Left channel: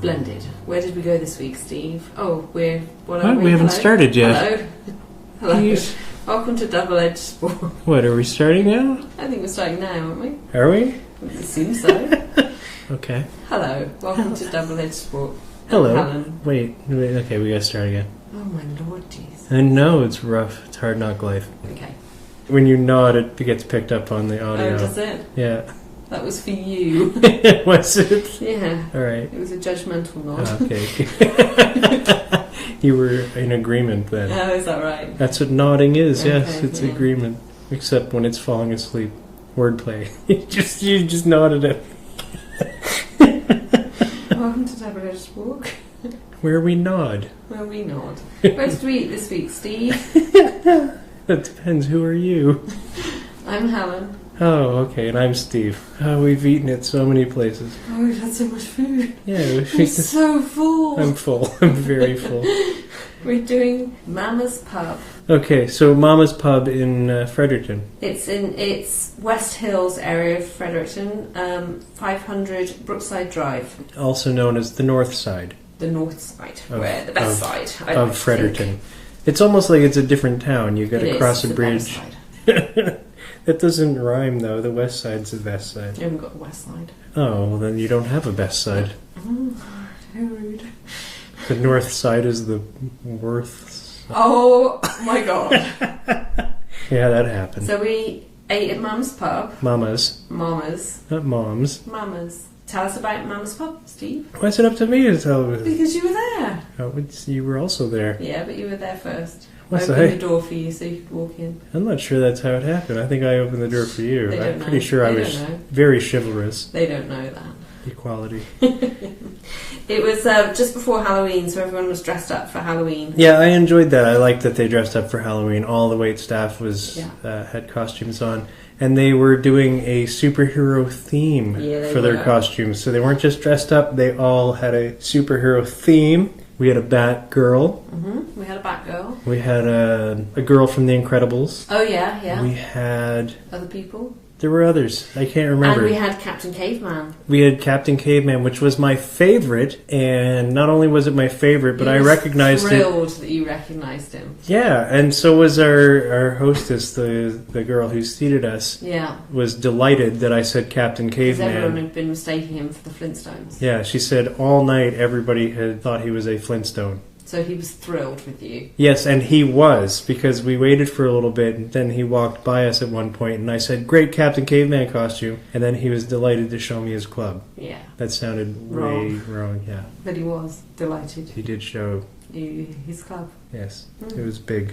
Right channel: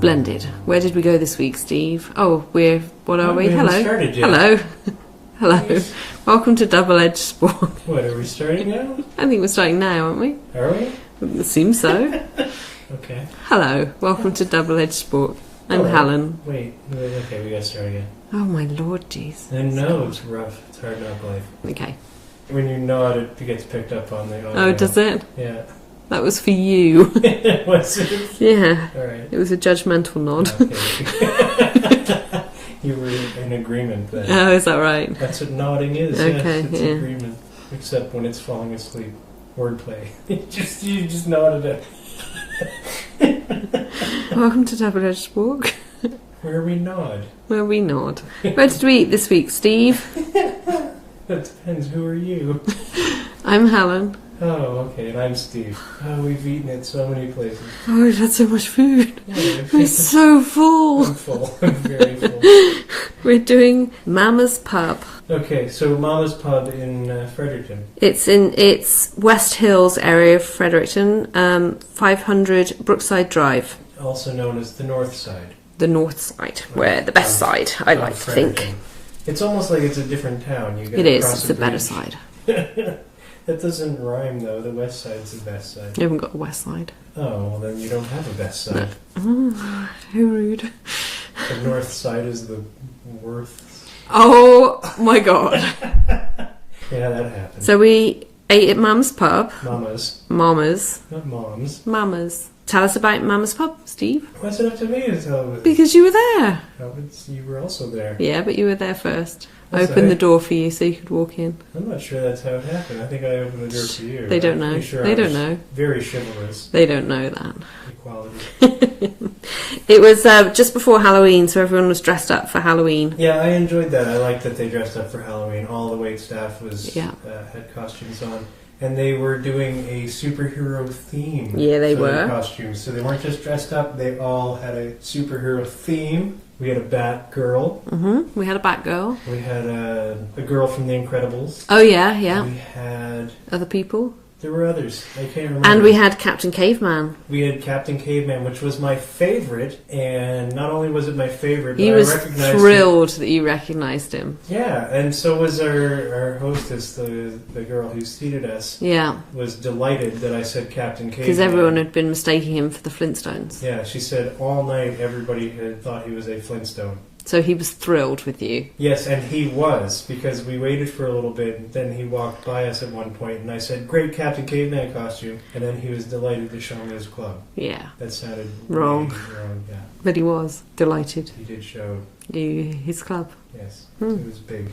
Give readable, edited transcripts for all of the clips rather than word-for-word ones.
Splendid. Where did we go this week, Steve? Oh, we? We haven't started yet. Hello. Hello. Welcome to Double Edged Spork. What, are we starting now? I think we're starting now, aren't we? Are we? Would assume so. Okay. Hello. Welcome to Double Edged Spork. Hello. I'm Helen. Wait, okay, we gotta start again. Oh my lord, jeez. I know, it's rough. It's hard knock life. Okay. When you nod, it gets picked up on the audio. Oh, does it? Yeah. That was for you. Was it? Yeah. Alright. It was a judgmental nod. Okay. You were in agreement then. Oh, is that right? That's what nodding is, Okay, yes. It's yeah. agreement. Except when it's falling asleep. Wordplay. you just nodded it. Welcome to Double Edged Spork. Where we nod. Where we nod. Where did we eat this week, Steve? That depends. Who are you? I'm Helen. Oh, okay, and I'm Steve. Oh, we've eaten at so many places. Oh, we've had so much food. Yeah, I'm so full. I'm full. I'm very full. We're doing Mama's Pub. Okay, so Mama's Pub in Fredericton. It's West Hills area of Fredericton, 500 Brookside Drive. Also known as the North Side. The north side, where the best side, I like to Fredericton. think. It's almost like it's a different town. You got to cross It's a the better bridge. side. That doesn't rhyme though. The West Side's the best side. You haven't got the west side. Oh, well then you don't have a best side. Oh, how rude. The North Side is the worst. Oh my god. Yeah, that happened. So we ate at Mama's Pub. Mamas. Mama's. Not moms. Mama's. Tell us about Mama's Pub, Steve. Why's it up to me to tell you? Because you were there. Oh, you were also there. Yeah, but you were there first. I Was opened I? the door for you so you could walk in. I'm not sure that's how it happened. I think I opened the door for you. They don't I'm know. pretty sure They I don't was know. very chivalrous. They don't know that. Equality. It was just before Halloween, so everyone was dressed up for Halloween. Yeah, I enjoyed that. I liked that they dressed up for Halloween. All the wait staff was Yeah. had costumes on. And they were doing a superhero theme Yeah, they for their were. costumes. So they weren't just dressed up, they all had a superhero theme. We had a Batgirl. Mm-hmm. We had a Batgirl. We had a girl from The Incredibles. Oh, yeah, yeah. We had... Other people. There were others. I can't remember. And we had Captain Caveman. We had Captain Caveman, which was my favorite. And not only was it my favorite, but I recognized him. Thrilled that you recognized him. Yeah, and so was our hostess, the girl who seated us. Yeah. Was delighted that I said Captain Caveman. Because everyone had been mistaking him for the Flintstones. Yeah, she said all night everybody had thought he was a Flintstone. So he was thrilled with you. Yes, and he was, because we waited for a little bit, and then he walked by us at one point, and I said, "Great Captain Caveman costume," and then he was delighted to show me his club. Yeah. That sounded Wrong. way wrong, yeah. But he was delighted. He did show, You, his club. yes, it was big.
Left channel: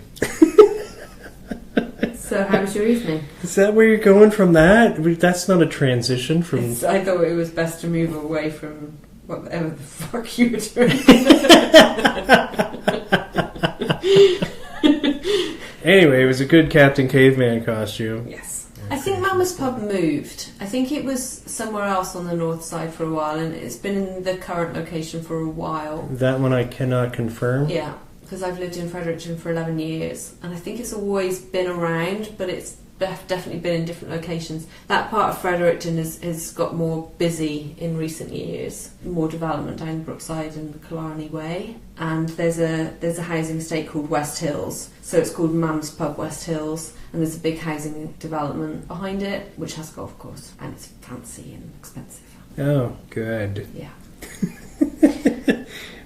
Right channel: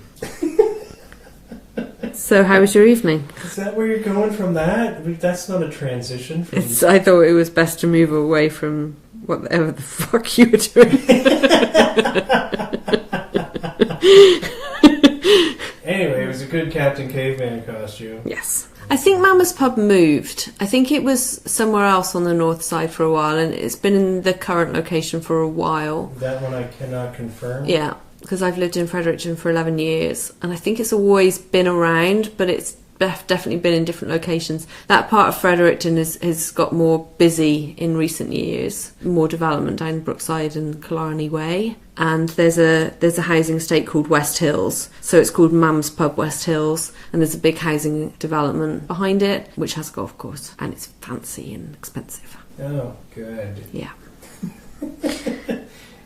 So how was your evening? Is that where you're going from that? That's not a transition from... I thought it was best to move away from whatever the fuck you were doing. Anyway, it was a good Captain Caveman costume. Yes. I think Mama's Pub moved. I think it was somewhere else on the north side for a while, and it's been in the current location for a while. That one I cannot confirm. Yeah, because I've lived in Fredericton for 11 years, and I think it's always been around, but it's definitely been in different locations. That part of Fredericton has got more busy in recent years, more development down Brookside and Killarney Way, and there's a housing estate called West Hills, so it's called Mum's Pub West Hills, and there's a big housing development behind it which has a golf course, and it's fancy and expensive. Oh, good. Yeah.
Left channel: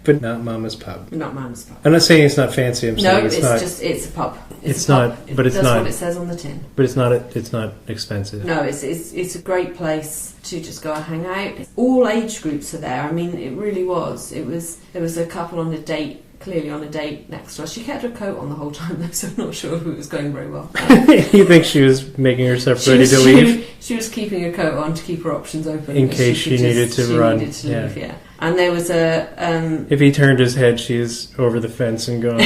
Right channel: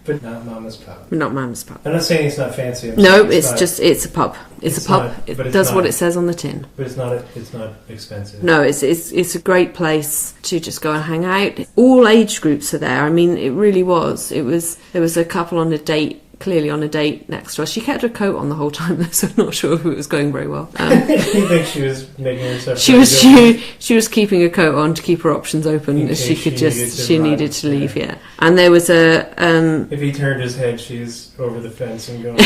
But not Mama's Pub. Not Mum's Pub. I'm not saying it's not fancy. I'm No, saying it's a pub. It's a pub. Not, but It it's does not, what it says on the tin. But it's not expensive. No, it's a great place to just go and hang out. All age groups are there. I mean, it really was. There was a couple on a date, clearly on a date next to us. She kept her coat on the whole time, so I'm not sure if it was going very well. You think she was making herself ready to leave? She was keeping her coat on to keep her options open In as case she could she needed to run. leave. Yeah, and there was a If he turned his head, she is over the fence and gone.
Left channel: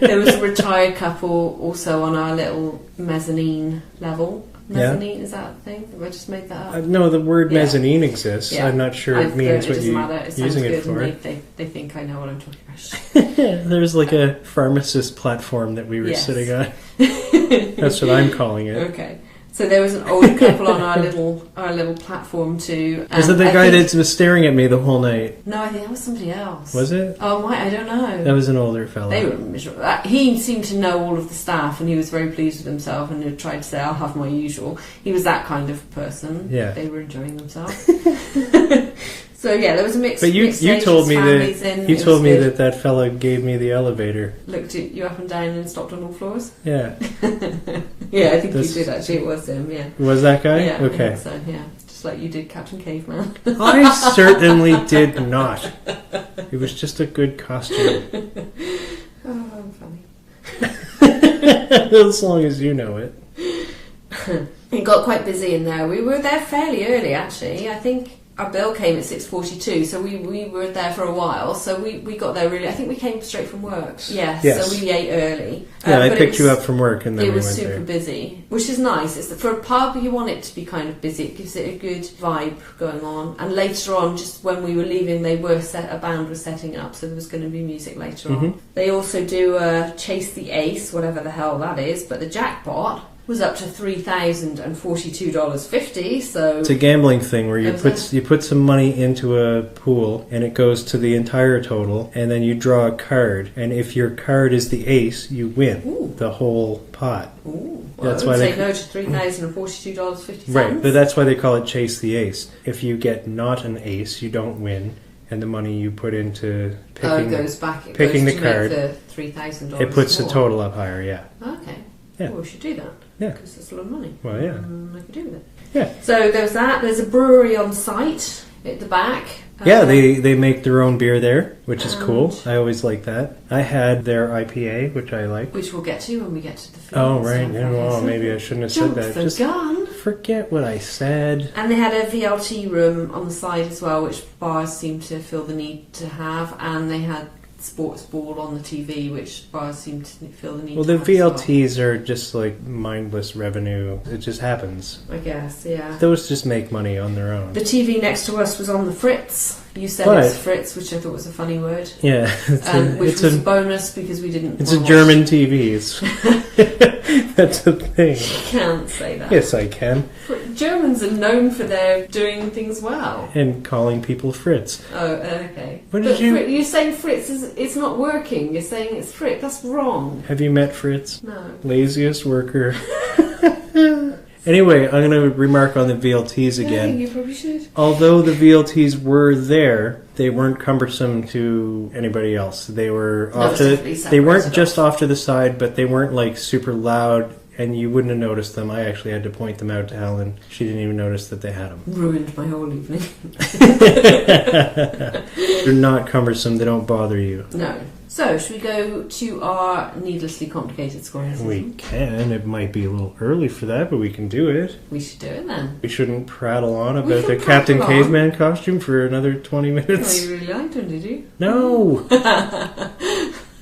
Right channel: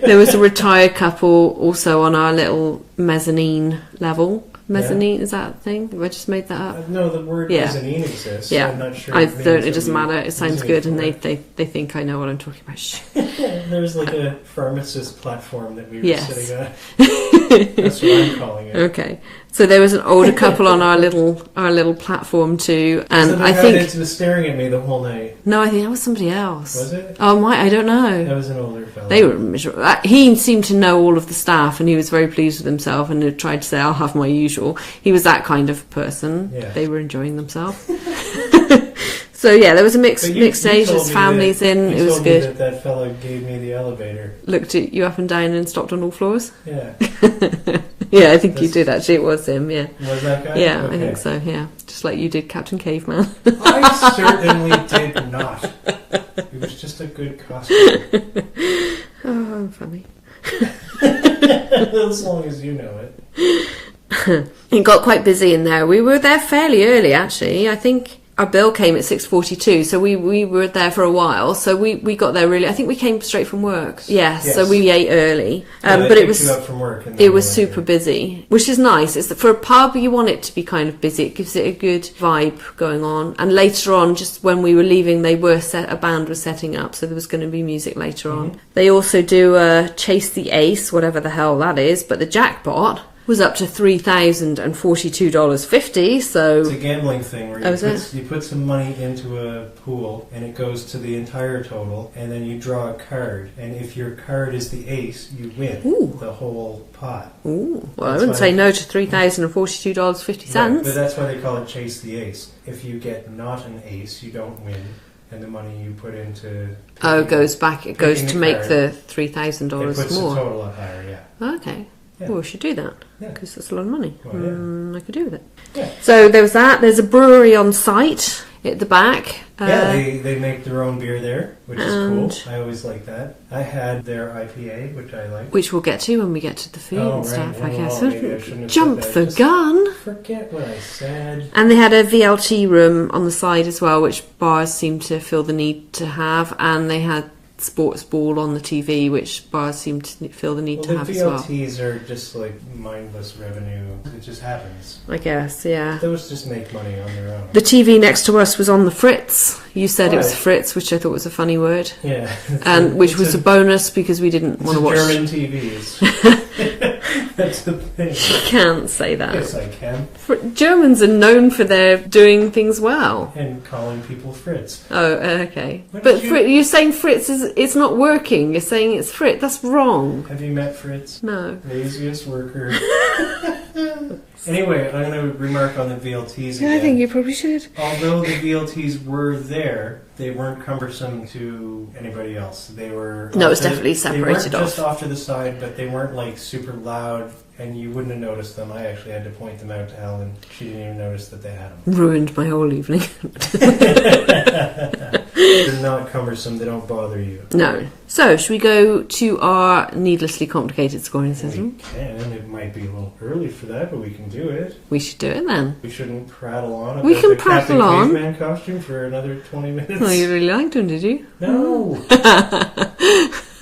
there was a retired couple also on our little mezzanine level. Mezzanine, is that a thing? Have I just made that up? No, the word Yeah. mezzanine exists. Yeah. I'm not sure it means it doesn't matter. It sounds good, and they they think I know what I'm talking about. Shh. There's like a pharmacist platform that we were Yes. sitting on. That's what I'm calling it. Okay. So there was an older couple on our little platform too. And was it the guy that was staring at me the whole night? No, I think that was somebody else. Was it? Oh, I don't know. That was an older fellow. They were miserable. He seemed to know all of the staff, and he was very pleased with himself, and he tried to say, "I'll have my usual." He was that kind of person. Yeah. They were enjoying themselves. So yeah, there was a mixed ages, families in. You told me that fella gave me the elevator. Looked at you up and down and stopped on all floors. Yeah. Yeah, I think you did actually. It was him. Yeah. Was that guy? Yeah, okay. I think so. Yeah, just like you did, Captain Caveman. I certainly did not. It was just a good costume. Oh, I'm funny. As long as you know it. It got quite busy in there. We were there fairly early, actually. I think our bill came at 6:42, so we were there for a while. So we got there really. I think we came straight from work. Yes. So we ate early. But I picked you up from work, and then it was super busy, which is nice. It's for a pub, you want it to be kind of busy. It gives it a good vibe going on. And later on, just when we were leaving, a band was setting up, so there was going to be music later on. They also do Chase the Ace, whatever the hell that is, but the jackpot was up to $3,042.50. So it's a gambling thing where you put some money into a pool and it goes to the entire total, and then you draw a card, and if your card is the ace, you win the whole pot. Ooh, well, I wouldn't say no to $3,042.50. Right, but that's why they call it Chase the Ace. If you get not an ace, you don't win, and the money you put into goes back. It goes to make the $3,000. It puts more. the total up higher. Yeah. Okay. Yeah. Well, we should do that. Yeah. Because that's a lot of money. Well, yeah. I could do with it. Yeah. So there was that. There's a brewery on site at the back. Yeah, they make their own beer there, which is cool. I always like that. I had their IPA, which I like. Which we'll get to when we get to the food. Oh, and right. stuff, Well, maybe I shouldn't have Jump said that. the gun. Forget what I said. And they had a VLT room on the side as well, which bars seem to feel the need to have. And they had sports ball on the TV, which bars seem to feel the need to have. Well, the VLTs are just like mindless revenue. It just happens. I guess, yeah. Those just make money on their own. The TV next to us was on the Fritz. You said it was Fritz, which I thought was a funny word. Yeah. Which was a bonus because we didn't want to watch. It's a German TV. That's the thing. You can't say that. Yes, I can. Germans are known for their doing things well. And calling people Fritz. Oh, okay. But you're saying Fritz it's not working. You're saying it's Fritz. That's wrong. Have you met Fritz? No. Laziest worker. Anyway, I'm going to remark on the VLTs again. I think you probably should. Although the VLTs were there, they weren't cumbersome to anybody else. They were definitely separated. They weren't just off to the side, but they weren't like super loud, and you wouldn't have noticed them. I actually had to point them out to Helen. She didn't even notice that they had them. Ruined my whole evening. They're not cumbersome. They don't bother you. No. So, should we go to our needlessly complicated scoring system? We can. It might be a little early for that, but we can do it. We should do it then. We shouldn't prattle on about the Captain Caveman costume for another 20 minutes. Oh, you really liked him, did you? No!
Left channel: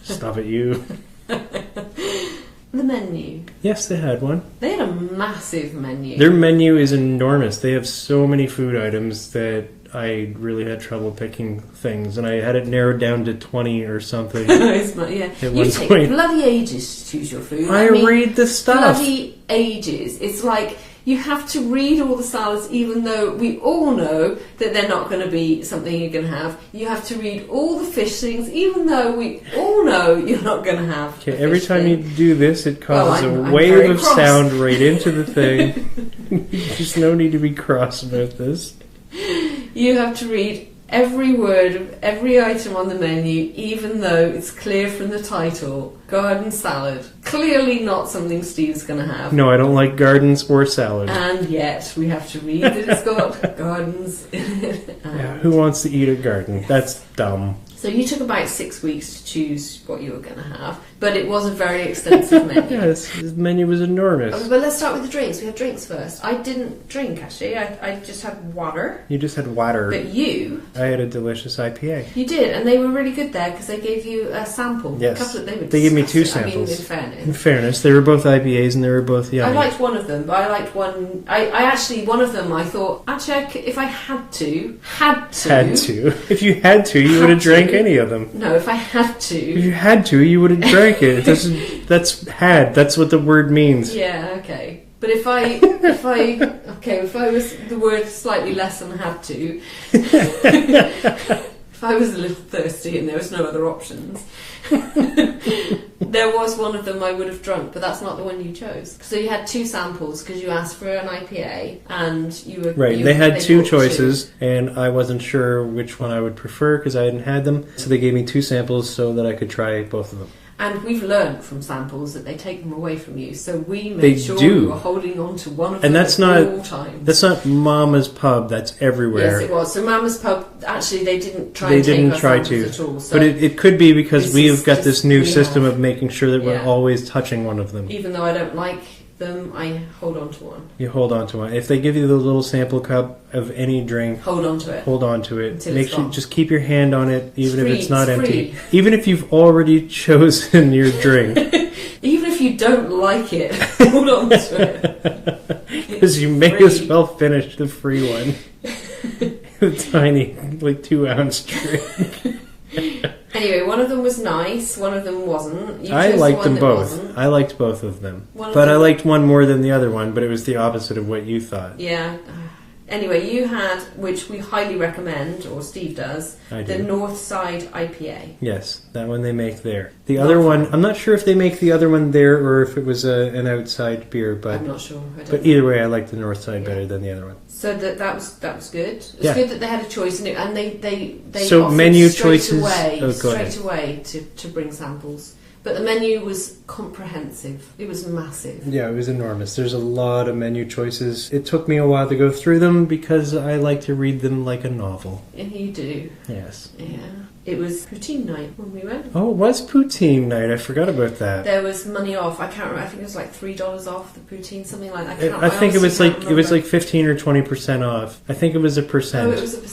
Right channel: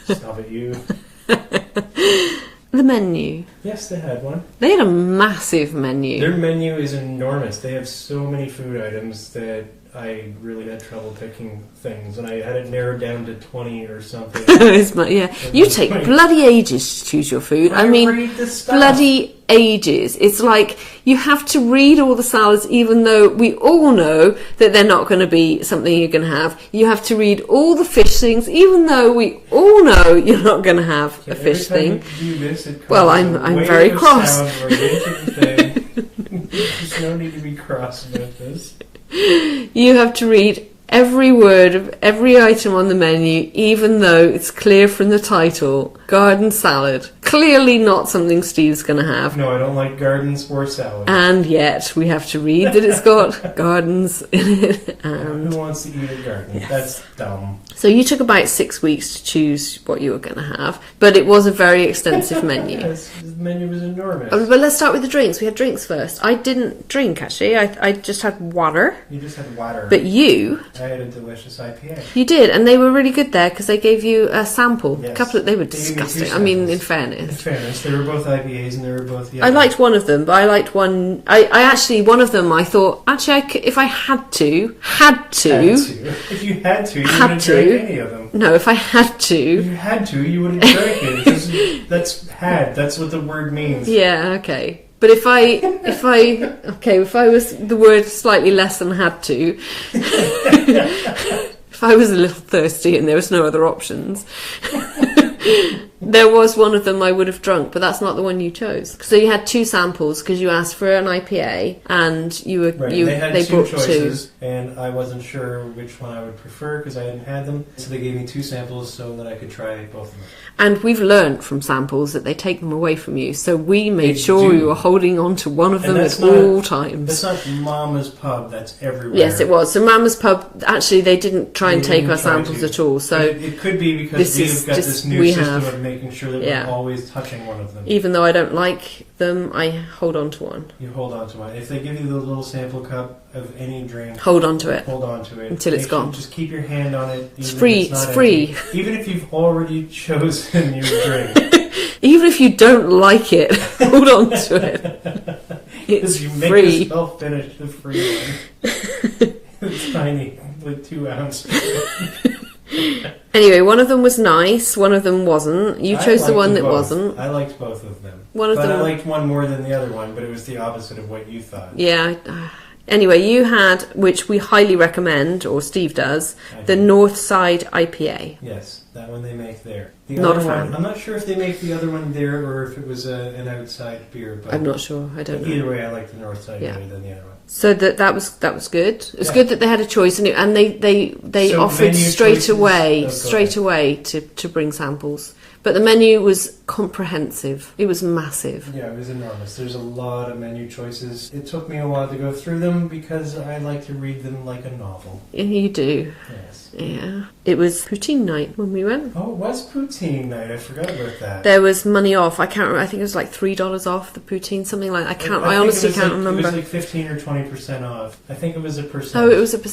Stop it, you. The menu. Yes, they had one. They had a massive menu. Their menu is enormous. They have so many food items that I really had trouble picking things, and I had it narrowed down to 20 or something. Yeah, you take bloody ages to choose your food. I mean, read the stuff. Bloody ages. It's like you have to read all the salads, even though we all know that they're not going to be something you're going to have. You have to read all the fish things, even though we all know you're not going to have a fish thing. Every time you do this, it causes a wave of sound right into the thing. There's no need to be cross about this. You have to read every word of every item on the menu, even though it's clear from the title, garden salad. Clearly not something Steve's going to have. No, I don't like gardens or salad. And yet, we have to read that it's got gardens in it. Who wants to eat a garden? Yes. That's dumb. So you took about 6 weeks to choose what you were going to have, but it was a very extensive menu. Yes, the menu was enormous. But let's start with the drinks. We had drinks first. I didn't drink, actually. I just had water. You just had water. But you... I had a delicious IPA. You did, and they were really good there because they gave you a sample. Yes. They were disgusting. They gave me 2 samples. I mean, in fairness. In fairness, they were both IPAs and they were both yummy. I liked one of them, but I liked one... I actually, one of them, I thought, if I had to... If you had to, you would have drank any of them. No, if I had to... If you had to, you would have drank it. That's what the word means. Yeah, okay. But if I was the word slightly less than had to, if I was a little thirsty and there was no other options, there was one of them I would have drunk, but that's not the one you chose. So you had 2 samples because you asked for an IPA and you were... Right, they had 2 choices and I wasn't sure which one I would prefer because I hadn't had them. So they gave me 2 samples so that I could try both of them. And we've learnt from samples that they take them away from you. So we made sure we were holding on to one of them at all times. That's not Mama's Pub, that's everywhere. Yes, it was. So Mama's Pub, actually, they didn't try and take our samples at all. So but it could be because we've got this new system of making sure that we're always touching one of them. Even though I don't like them, I hold on to one. You hold on to one. If they give you the little sample cup of any drink, hold on to it. Hold on to it. Until it's gone. Just keep your hand on it, even if it's not empty. Even if you've already chosen your drink. Even if you don't like it, hold on to it. Because you make yourself finish the free one. The tiny, 2-ounce drink. Anyway, one of them was nice, one of them wasn't. You chose the one that wasn't. I liked both of them. I liked one more than the other one, but it was the opposite of what you thought. Yeah. Anyway, you had, which we highly recommend, or Steve does, the Northside IPA. Yes, that one they make there. The other one, I'm not sure if they make the other one there or if it was an outside beer. But I'm not sure. I don't know. Either way, I like the Northside better than the other one. So that was good. It's good that they had a choice, and they offered straight away to bring samples. But the menu was comprehensive. It was massive. Yeah, it was enormous. There's a lot of menu choices. It took me a while to go through them because I like to read them like a novel. Yeah, you do. Yes. Yeah. It was poutine night when we went. Oh, it was poutine night. I forgot about that. There was money off. I can't remember. I think it was like $3 off the poutine, something like that. I honestly can't remember. It was like 15 or 20% off. I think it was a percent. Oh,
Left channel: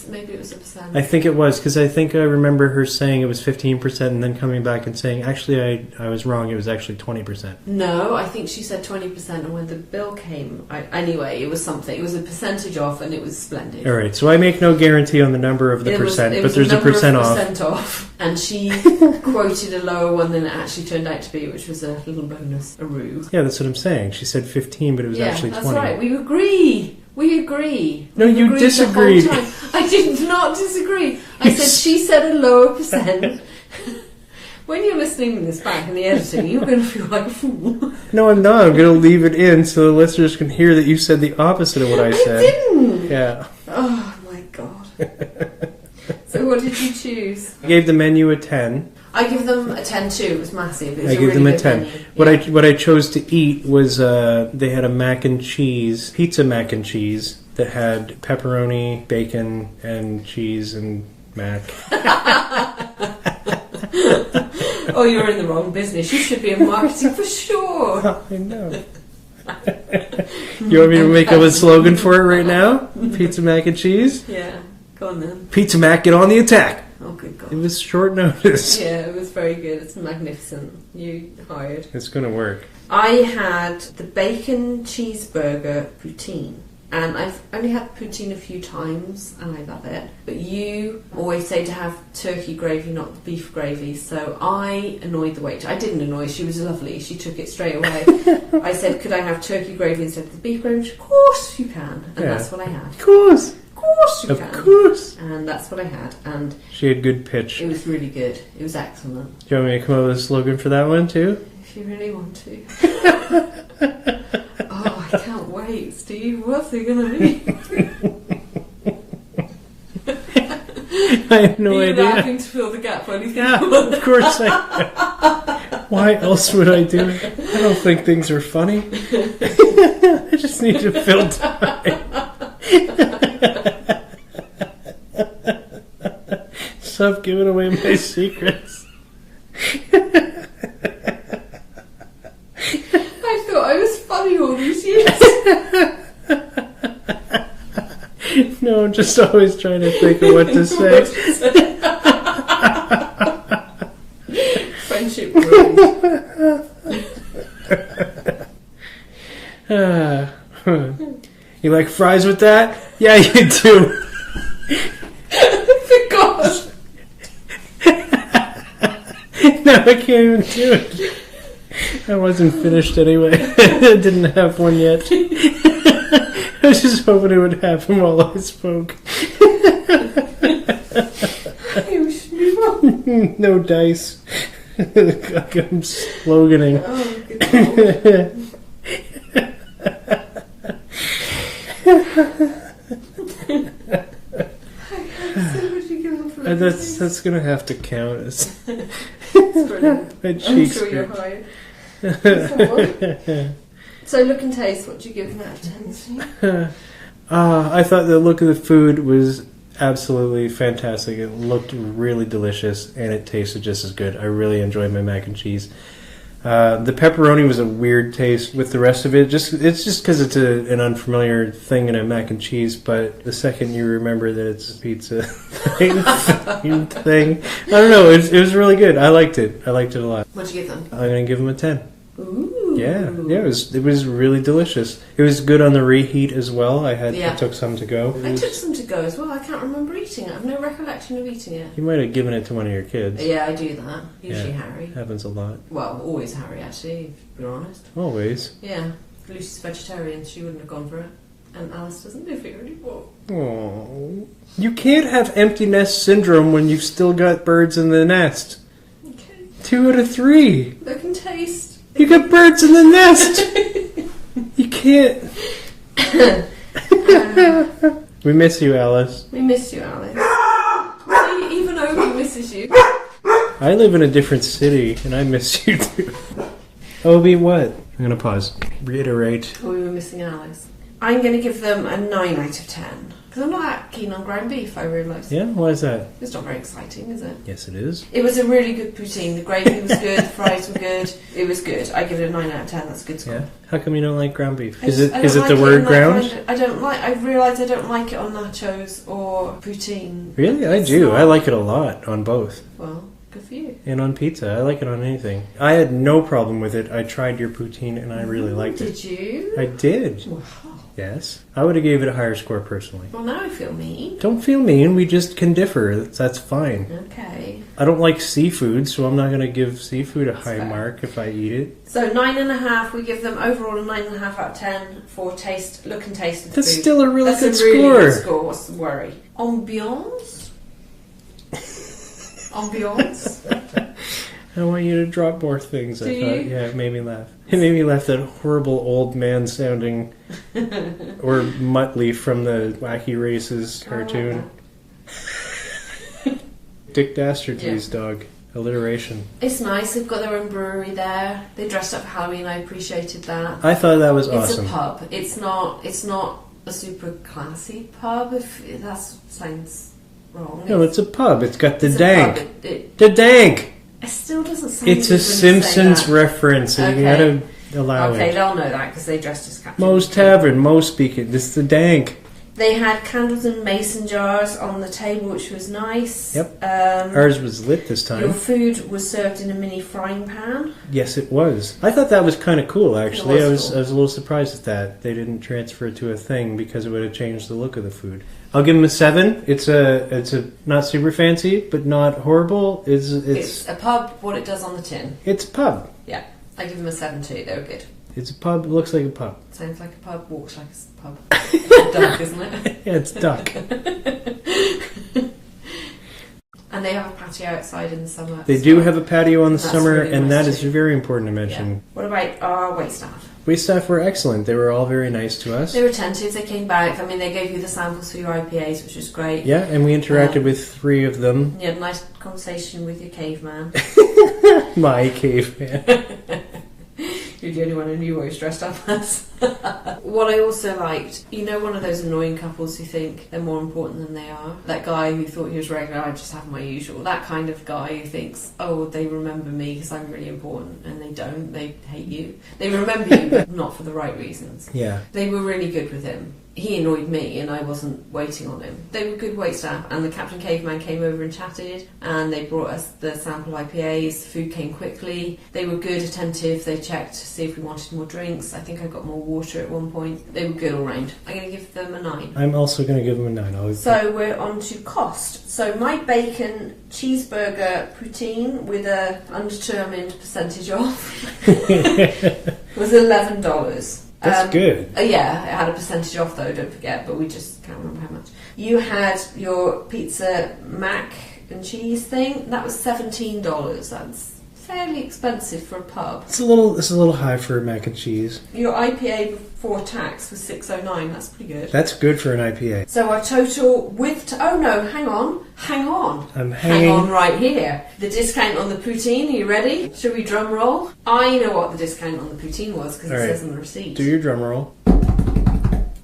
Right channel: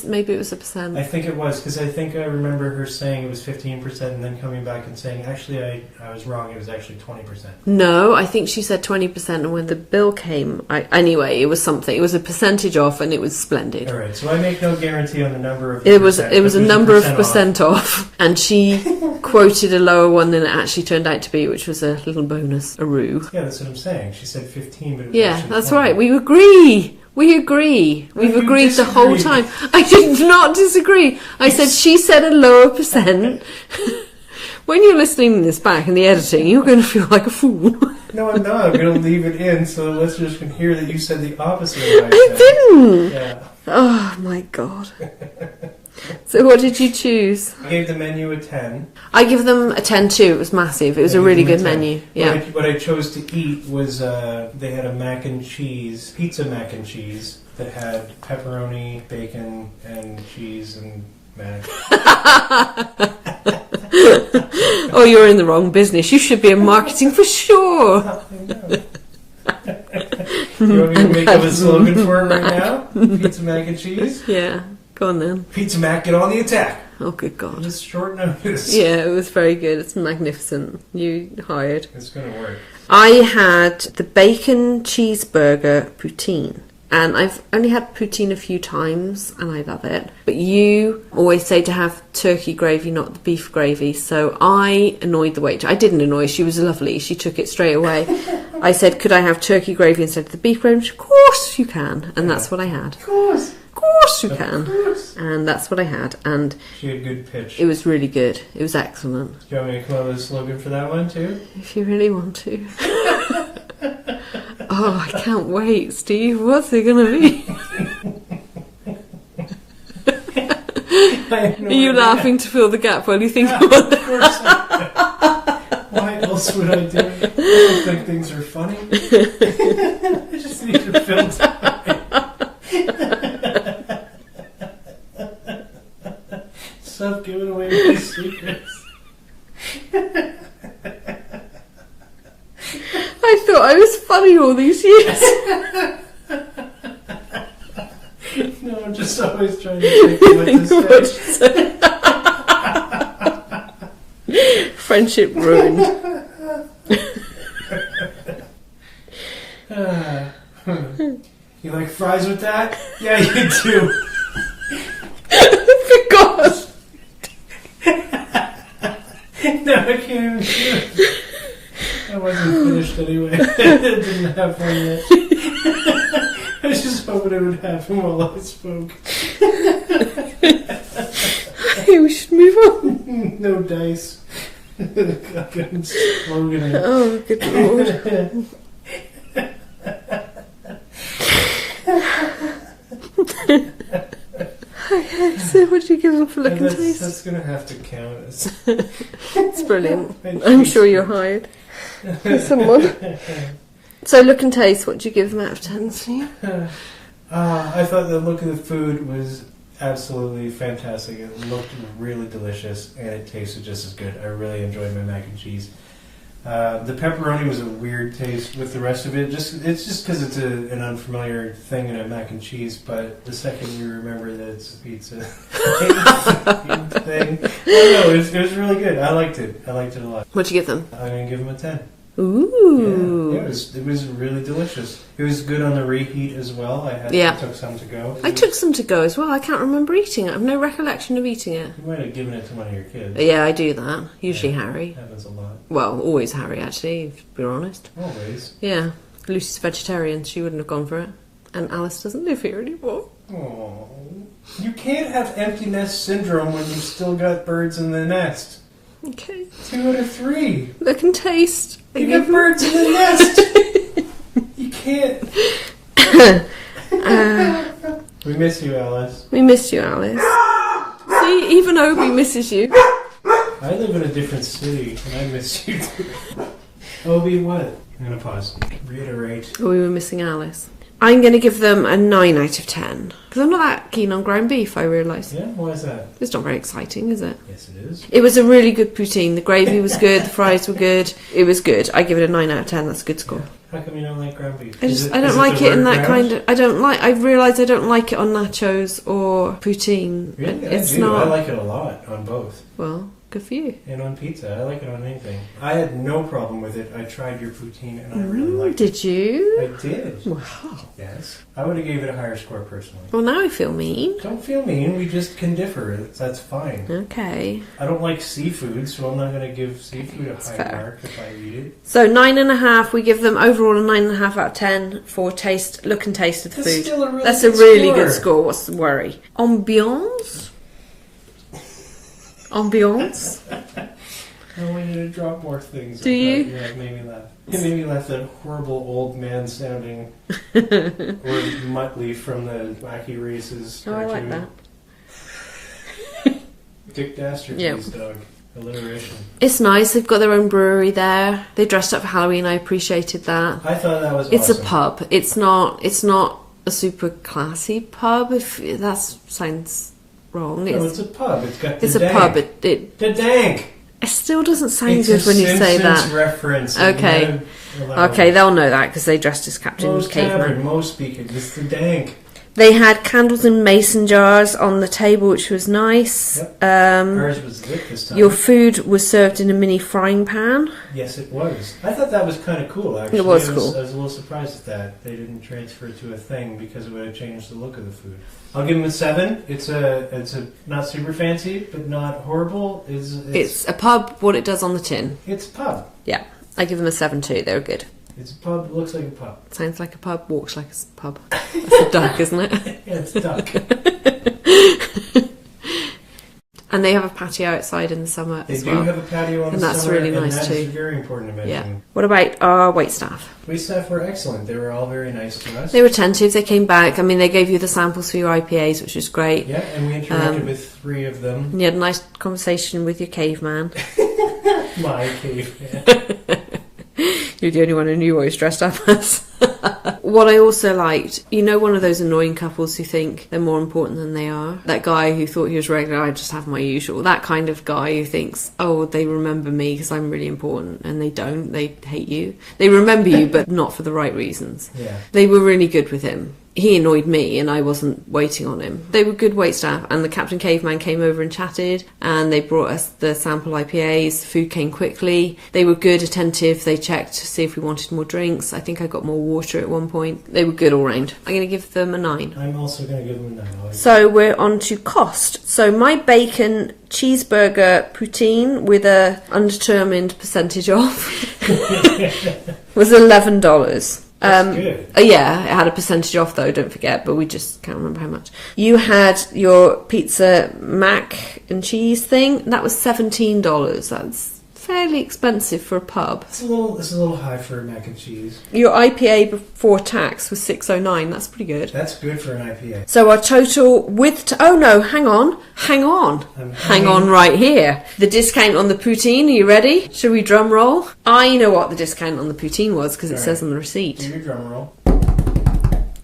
maybe it was a percent. I think it was because I think I remember her saying it was 15% and then coming back and saying, actually, I was wrong. It was actually 20%. No, I think she said 20%, and when the bill came, anyway, it was something. It was a percentage off, and it was splendid. All right, so I make no guarantee on the number of the percent. It was a number of percent off, and she quoted a lower one than it actually turned out to be, which was a little bonus-a-roo. Yeah, that's what I'm saying. She said 15, but it was actually 20. Yeah, that's right. We agree. We've agreed the whole time. I did not disagree. I said she said a lower percent. When you're listening to this back in the editing, you're going to feel like a fool. No, I'm not. I'm going to leave it in so the listeners can hear that you said the opposite of what I said. I didn't. Yeah. Oh, my God. So what did you choose? I gave the menu a 10. I give them a 10 too. It was massive. It was a really good menu. Yeah. What I chose to eat was they had a pizza mac and cheese that had pepperoni, bacon, and cheese and mac. Oh, you're in the wrong business. You should be in marketing for sure. I know. You want me to make up a slogan for it right now? Pizza mac and cheese? Yeah, go on then. Pizza Mac, get on the attack. Oh, good God. It was short notice. Yeah, it was very good. It's magnificent. You hired. It's going to work. I had the bacon cheeseburger poutine. And I've only had poutine a few times, and I love it. But you always say to have turkey gravy, not the beef gravy. So I annoyed the waitress. I didn't annoy her. She was lovely. She took it straight away. I said, could I have turkey gravy instead of the beef gravy? She said, of course you can. And that's what I had. Of course. Of course you can. Of course. And that's what I had. And she had good pitch. It was really good. It was excellent. Do you want me to come up with a slogan for that one, too? If you really want to. Oh, I can't wait, Steve. What's it going to be? I have no idea. Are you laughing to fill the gap while you think about it? Of course I am. Why else would I do it? I don't think things are funny. I just need to fill time. Stop giving away my secrets. I thought I was funny all these years. No, I'm just always trying to think of what to say. Friendship ruined. You like fries with that? Yeah, you do. For God. No, I can't even do it. I wasn't finished anyway. I didn't have one yet. I was just hoping it would happen while I spoke. Hey, we should move on. No dice. I'm sloganing. Oh, good lord. So what do you give them for looking taste? That's going to have to count. It's brilliant. I'm sure you're hired. Someone. So look and taste, what do you give them out of 10? I thought the look of the food was absolutely fantastic. It looked really delicious, and it tasted just as good. I really enjoyed my mac and cheese. The pepperoni was a weird taste with the rest of it. It's just because it's an unfamiliar thing in a mac and cheese, but the second you remember that it's a pizza thing, I don't know, it was really good. I liked it a lot. What'd you give them? I'm going to give them a 10. Ooh. Yeah, it was really delicious. It was good on the reheat as well. I took some to go. I took some to go as well. I can't remember eating it. I have no recollection of eating it. You might have given it to one of your kids. Yeah, I do that. Usually Harry. Happens a lot. Well, always Harry, actually, to be honest. Always. Yeah. Lucy's vegetarian. She wouldn't have gone for it. And Alice doesn't live here anymore. Oh, you can't have empty nest syndrome when you've still got birds in the nest. Okay. 2 out of 3. Look and taste. You got birds in the nest. You can't. We miss you, Alice. We miss you, Alice. See, even Obi misses you. I live in a different city, and I miss you too. Obi, what? I'm going to pause. Reiterate. Oh, we were missing Alice. I'm going to give them a 9 out of 10. Because I'm not that keen on ground beef, I realise. Yeah? Why is that? It's not very exciting, is it? Yes, it is. It was a really good poutine. The gravy was good, the fries were good. It was good. I give it a 9 out of 10. That's a good score. Yeah. How come you don't like ground beef? I don't like it in that kind of... I realise I don't like it on nachos or poutine. Really? I do. I like it a lot on both. Well... Good for you. And on pizza. I like it on anything. I had no problem with it. I tried your poutine and I really liked it. Did you? I did. Wow. Yes. I would have gave it a higher score personally. Well, now I feel mean. Don't feel mean. We just can differ. That's fine. Okay. I don't like seafood, so I'm not going to give seafood a high mark if I eat it. So 9.5. We give them overall a 9.5 out of 10 for taste, look and taste of the food. That's still a really good score. That's a really good score. What's the worry? Ambiance? Ambiance? I want you to drop more things. Do you? Yeah, it made me laugh. It made me laugh, that horrible old man sounding or Muttley from the Wacky Races cartoon. Like Dick Dastardly's dog. Alliteration. It's nice. They've got their own brewery there. They dressed up for Halloween. I appreciated that. I thought that was awesome. It's a pub. It's not a super classy pub, if that sounds wrong. No, it's a pub. It's got the dank. It's a pub. The dank. It still doesn't sound it's good when you say that. It's a Simpsons reference. Okay. Okay, they'll know that because they dressed as Captain Moe's Tavern. Moe speaking. It's the dank. They had candles in mason jars on the table, which was nice. Yep. Ours was lit this time. Your food was served in a mini frying pan. Yes, it was. I thought that was kind of cool, actually. It was cool. I was a little surprised at that. They didn't transfer it to a thing because it would have changed the look of the food. I'll give them a 7. It's a not super fancy, but not horrible. It's a pub, what it does on the tin. It's a pub. Yeah. I give them a 7 too. They were good. It's a pub. It looks like a pub. Sounds like a pub. Walks like a pub. It's a duck, isn't it? Yeah, it's a duck. And they have a patio outside in the summer. They do have a patio in the summer, really and nice that is very important to mention. Yeah. What about our waitstaff? Waitstaff were excellent. They were all very nice to us. They were attentive. They came back. I mean, they gave you the samples for your IPAs, which was great. Yeah, and we interacted with 3 of them. You had a nice conversation with your caveman. My caveman. You're the only one who knew what he was dressed up as. What I also liked, one of those annoying couples who think they're more important than they are. That guy who thought he was regular, I just have my usual. That kind of guy who thinks, oh, they remember me because I'm really important. And they don't. They hate you. They remember you, but not for the right reasons. Yeah. They were really good with him. he annoyed me and I wasn't waiting on him. They were good wait staff, and the Captain Caveman came over and chatted, and they brought us the sample IPAs. The food came quickly. They were good, attentive. They checked to see if we wanted more drinks. I think I got more water at one point. They were good all round. I'm going to give them a 9. I'm also going to give them a 9. So we're on to cost. So my bacon cheeseburger poutine with a undetermined percentage off was $11. That's good. Yeah, it had a percentage off though, don't forget, but we just can't remember how much. You had your pizza mac and cheese thing. That was $17. That's fairly expensive for a pub. It's a little high for mac and cheese. Your IPA before tax was $6.09. That's pretty good. That's good for an IPA. So our total with... oh no, hang on. Hang on right here. The discount on the poutine, are you ready? Should we drum roll? I know what the discount on the poutine was because it says on the receipt. Do your drum roll.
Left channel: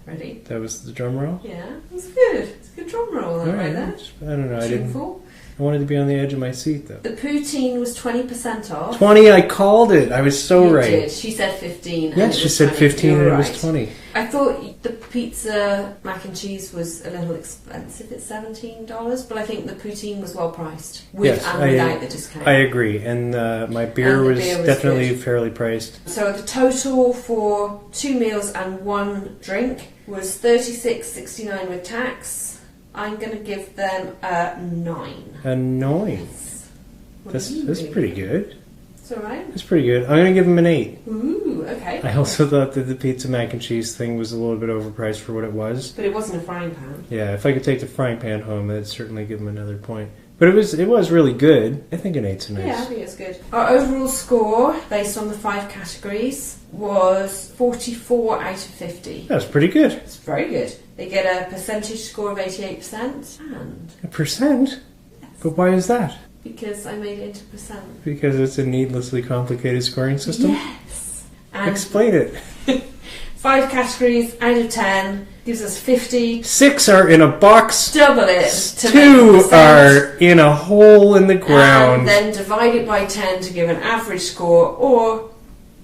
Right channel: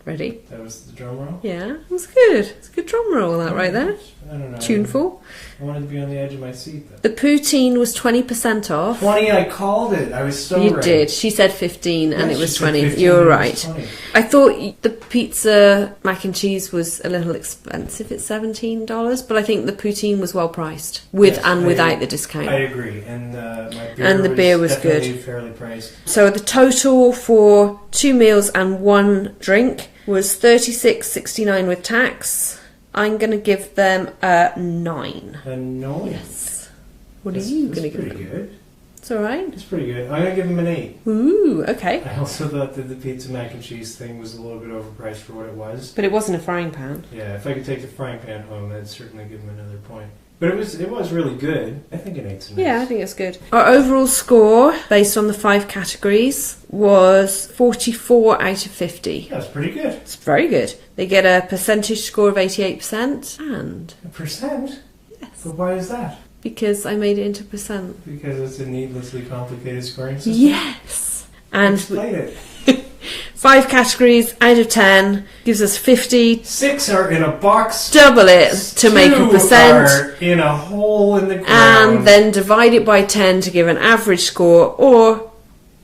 Ready? That was the drum roll? Yeah, it was good. It's a good drum roll, that right there. I don't know. Tuneful. I wanted to be on the edge of my seat, though. The poutine was 20% off. 20, I called it. I was so right. You did. She said 15 and it was 20. 15, You're right. 20. I thought the pizza mac and cheese was a little expensive at $17, but I think the poutine was well priced without the discount. I agree. And my beer was definitely good. fairly priced. So the total for 2 meals and 1 drink was $36.69 with tax. I'm going to give them a 9. A 9? Yes. That's pretty good. It's alright. It's pretty good. I'm going to give them an 8. Ooh, okay. I also thought that the pizza mac and cheese thing was a little bit overpriced for what it was. But it wasn't a frying pan. Yeah, if I could take the frying pan home, I'd certainly give them another point. But it was really good. I think an 8's nice. Yeah, I think it's good. Our overall score, based on the 5 categories, was 44 out of 50. That's pretty good. It's very good. They get a percentage score of 88% and... A percent? Yes. But why is that? Because I made it into percent. Because it's a needlessly complicated scoring system? Yes. And explain it. 5 categories out of 10 gives us 50. 6 are in a box. Double it to make a 2 percent. are in a hole in the ground. And then divide it by 10 to give an average score or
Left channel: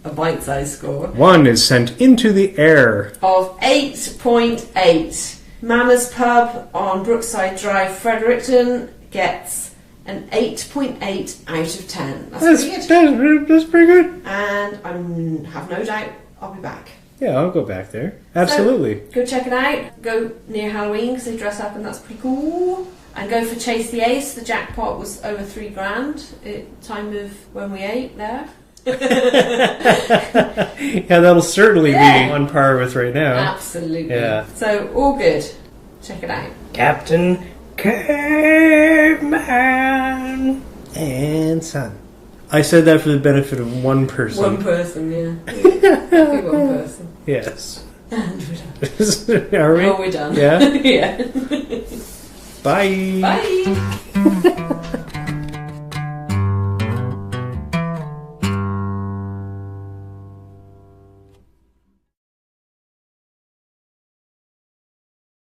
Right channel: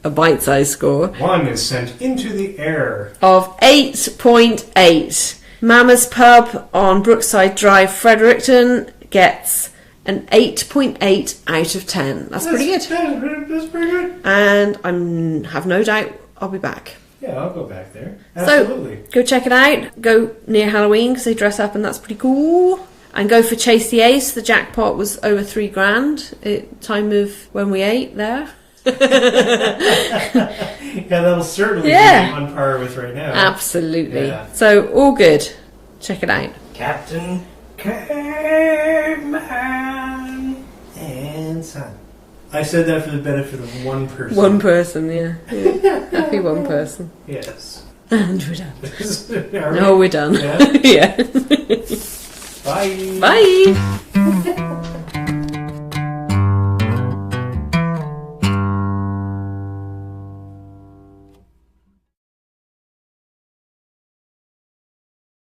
a bite-sized score. 1 is sent into the air. Of 8.8. Mama's Pub on Brookside Drive, Fredericton gets an 8.8 out of 10. That's pretty good. That's pretty good. And I have no doubt I'll be back. Yeah, I'll go back there. Absolutely. So, go check it out. Go near Halloween because they dress up and that's pretty cool. And go for Chase the Ace. The jackpot was over $3,000 at time of when we ate there. Yeah, that'll certainly be on par with right now. Absolutely. Yeah. So, all good. Check it out. Captain Caveman and Son. I said that for the benefit of one person. One person, yeah. Happy one person. Yes. And we're done. Are we? Oh, we're done. Yeah? Yeah. Bye. Bye.